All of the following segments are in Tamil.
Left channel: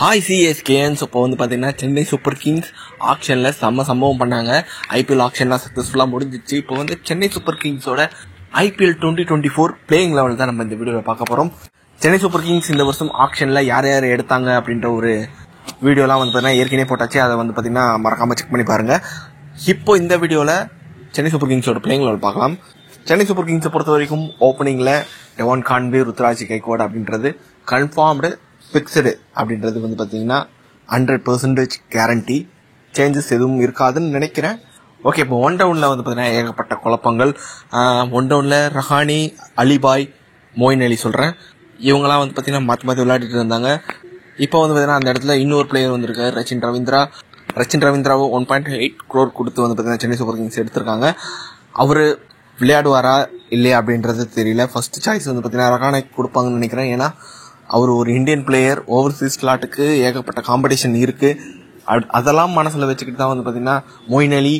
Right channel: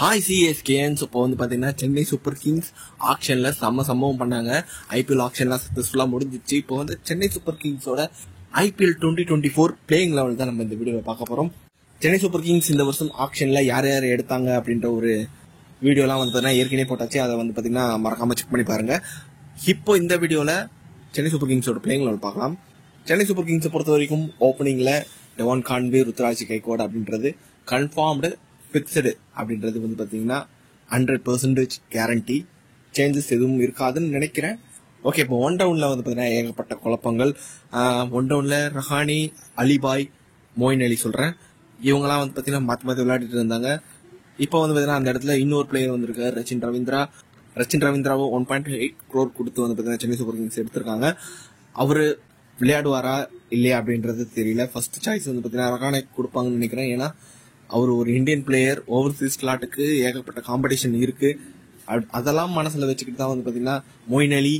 ஹாய் சிஎஸ்கேன்னு இப்போ வந்து பார்த்தீங்கன்னா சென்னை சூப்பர் கிங்ஸ் ஆக்ஷனில் சம்பவம் பண்ணாங்க. ஐபிஎல் ஆக்ஷன்லாம் சக்ஸஸ்ஃபுல்லாக முடிஞ்சிச்சு. இப்போ வந்து சென்னை சூப்பர் கிங்ஸோட ஐபிஎல் 2024 பிளேயிங் லெவல் தான் நம்ம இந்த வீடியோவில் பார்க்க போகிறோம். சென்னை சூப்பர் கிங்ஸ் இந்த வருஷம் ஆக்ஷனில் யார் யார் எடுத்தாங்க அப்படின்ற ஒரு வீடியோலாம் வந்து பார்த்தீங்கன்னா ஏற்கனவே போட்டாச்சு. அதை வந்து பார்த்தீங்கன்னா மறக்காமல் செக் பண்ணி பாருங்கள். இப்போ இந்த வீடியோவில் சென்னை சூப்பர் கிங்ஸோட பிளேயிங் லெவல் பார்க்கலாம். சென்னை சூப்பர் கிங்ஸை பொறுத்த வரைக்கும் ஓப்பனிங்கில் டெவான் கான்வே, ருத்ராஜ் கெய்க்வாட் அப்படின்றது கன்ஃபார்ம்டு ஃபிக்ஸ்டு அப்படின்றது வந்து பார்த்தீங்கன்னா 100% கேரண்டி. சேஞ்சஸ் எதுவும் இருக்காதுன்னு நினைக்கிறேன். ஓகே, இப்போ ஒன் டவுனில் வந்து பார்த்தீங்கன்னா ஏகப்பட்ட குழப்பங்கள். ஒன் டவுனில் ரஹானி, அலிபாய், மொயின் அலி சொல்கிறேன், இவங்களாம் வந்து பார்த்தீங்கன்னா மாற்றி விளையாடிட்டு இருந்தாங்க. இப்போ வந்து பார்த்தீங்கன்னா அந்த இடத்துல இன்னொரு பிளேயர் வந்திருக்காரு, ரச்சின் ரவீந்திராவை 1.8 crore கொடுத்து வந்து பார்த்தீங்கன்னா சென்னை சூப்பர் கிங்ஸ் எடுத்திருக்காங்க. அவர் விளையாடுவாரா இல்லையா அப்படின்றது தெரியல. ஃபர்ஸ்ட் சாய்ஸ் வந்து பார்த்தீங்கன்னா ரஹானி கொடுப்பாங்கன்னு நினைக்கிறேன். ஏன்னா அவர் ஒரு இந்தியன் பிளேயர், ஓவர்சீஸ் ஸ்லாட்டுக்கு ஏகப்பட்ட காம்படிஷன் இருக்குது. அதெல்லாம் மனசில் வச்சுக்கிட்டு தான் வந்து பார்த்தீங்கன்னா மொயின் அலி,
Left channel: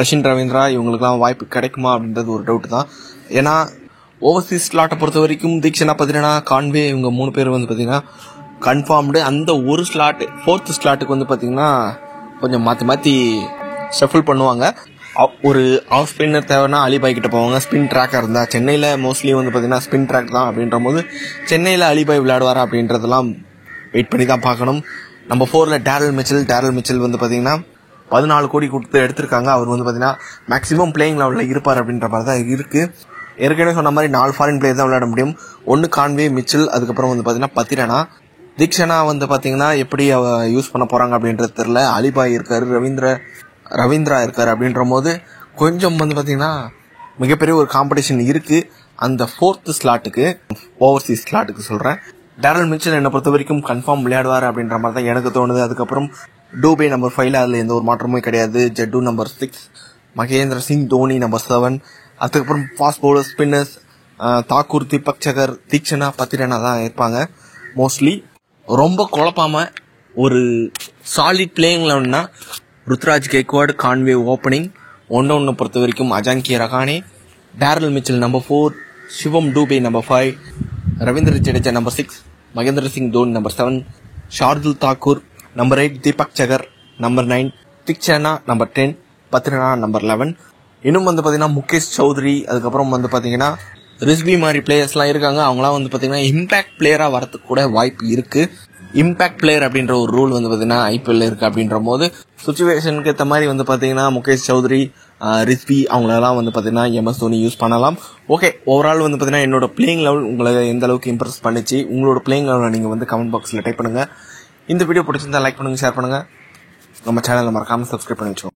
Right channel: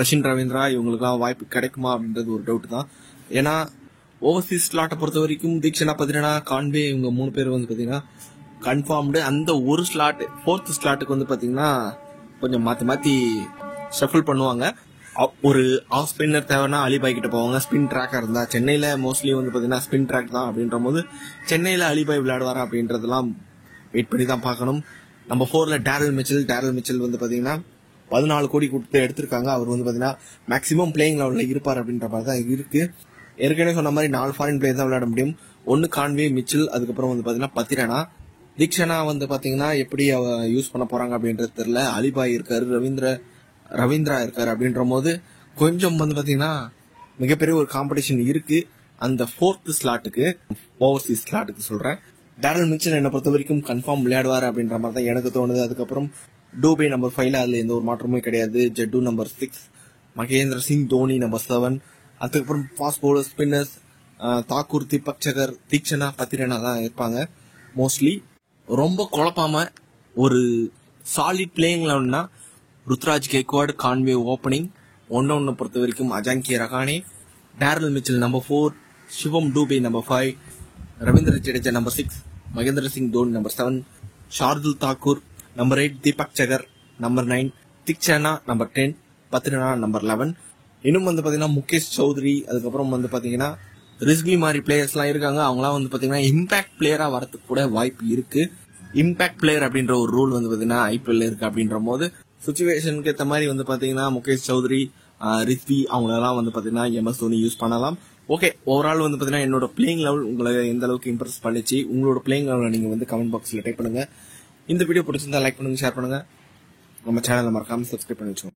ரச்சின் ரவீந்திரா இவங்களுக்குலாம் வாய்ப்பு கிடைக்குமா அப்படின்றது ஒரு டவுட் தான். ஏன்னா ஓவர்சீஸ் ஸ்லாட்டை பொறுத்த வரைக்கும் தீக்ஷனா, பத்ரினா, கான்வே இவங்க 3 பேர் வந்து பார்த்தீங்கன்னா கன்ஃபார்ம்டு. அந்த ஒரு ஸ்லாட்டு 4th ஸ்லாட்டுக்கு வந்து பார்த்தீங்கன்னா கொஞ்சம் மாற்றி ஷஃபிள் பண்ணுவாங்க. ஒரு ஆஃப் ஸ்பின்னர் தேவைன்னா அலிபாய் கிட்ட போவாங்க. ஸ்பின் ட்ராக்காக இருந்தால் சென்னையில் மோஸ்ட்லி வந்து பார்த்தீங்கன்னா ஸ்பின் ட்ராக் தான். அப்படின்ற போது சென்னையில் அலிபாய் விளையாடுவாரா அப்படின்றதெல்லாம் வெயிட் பண்ணி தான் பார்க்கணும். நம்பர் 4ல் டேரல் மிச்சல் வந்து பார்த்தீங்கன்னா 14 கோடி கொடுத்து எடுத்திருக்காங்க. அவர் வந்து பார்த்தீங்கன்னா மேக்ஸிமம் பிளேயிங் லெவலில் இருப்பார் அப்படின்ற மாதிரி தான் இருக்குது. ஏற்கனவே சொன்ன மாதிரி 4 ஃபாரின் பிளேயர் தான் விளையாட முடியும். 1 கான்வே, மிச்சல், அதுக்கப்புறம் வந்து பார்த்தீங்கன்னா பத்ரினா. தீக்ஷனா வந்து பார்த்தீங்கன்னா எப்படி யூஸ் பண்ண போகிறாங்க அப்படின்றது தெரியல. அலிபாய் இருக்காரு, ரவீந்திரா இருக்காரு. அப்படின்ற போது கொஞ்சம் வந்து பார்த்தீங்கன்னா மிகப்பெரிய ஒரு காம்படிஷன் இருக்குது அந்த 4th ஸ்லாட்டுக்கு, ஓவர்சீஸ் ஸ்லாட்டுக்கு சொல்கிறேன். டேரல் மிச்சல் என்னை பொறுத்த வரைக்கும் கன்ஃபார்ம் விளையாடுவார் அப்படின்ற மாதிரி தான் எனக்கு தோணுது. அதுக்கப்புறம் டூபே நம்பர் 5ல் அதில் எந்த ஒரு மாற்றமும் கிடையாது. ஜட்டு நம்பர் 6, மகேந்திர சிங் தோனி நம்பர் 7, அதுக்கப்புறம் fast bowler, spinners Thakur, Deepak Chahar, Theekshana, Pathirana தான் இருப்பாங்க மோஸ்ட்லி. ரொம்ப குழப்பாம ஒரு சாலிட் பிளேயிங் லெவல்னா Ruturaj Gaikwad, Conway opening. One டவுனை பொறுத்த வரைக்கும் Ajinkya Rahane, Daryl Mitchell number 4, Shivam Dube number 5, Ravindra Jadeja number 6, Mahendra Singh Dhoni number 7, Shardul Thakur number 8, Deepak Chahar number 9, Theekshana number 10, Pathirana number 11. இன்னும் வந்து பார்த்தீங்கன்னா முகேஷ் சௌத்ரி, அதுக்கப்புறம் வந்து பார்த்தீங்கன்னா ரிஸ்பி மாதிரி பிளேயர்ஸ்லாம் இருக்காங்க. அவங்களாம் வந்து பார்த்தீங்கன்னா இம்பாக்ட் பிளேயராக வரதுக்கு கூட வாய்ப்பு இருக்குது. இம்பாக்ட் பிளேயர் அப்படின்ற ஒரு ரூல் வந்து பார்த்தீங்கன்னா ஐபிஎல் இருக்குது. அப்படின்ற போது சுச்சுவேஷனுக்கு ஏற்ற மாதிரி வந்து பார்த்தீங்கன்னா முகேஷ் சௌத்ரி, ரிஸ்பி அவங்களெல்லாம் வந்து பார்த்தீங்கன்னா எம்எஸ் தோனி யூஸ் பண்ணலாம். ஓகே, ஓவரால் வந்து பார்த்தீங்கன்னா என்னோட பிளேயிங் லெவல் உங்களை எந்த அளவுக்கு இம்ப்ரெஸ் பண்ணிச்சு, உங்களோட பிளேயிங் லெவலில் நீங்கள் வந்து கமெண்ட் பாக்ஸில் டைப் பண்ணுங்கள். இந்த வீடியோ பிடிச்சிருந்தா லைக் பண்ணுங்கள், ஷேர் பண்ணுங்கள். நம்ம சேனலை மறக்காமல் சப்ஸ்கிரைப் பண்ணி வச்சுக்கோங்க.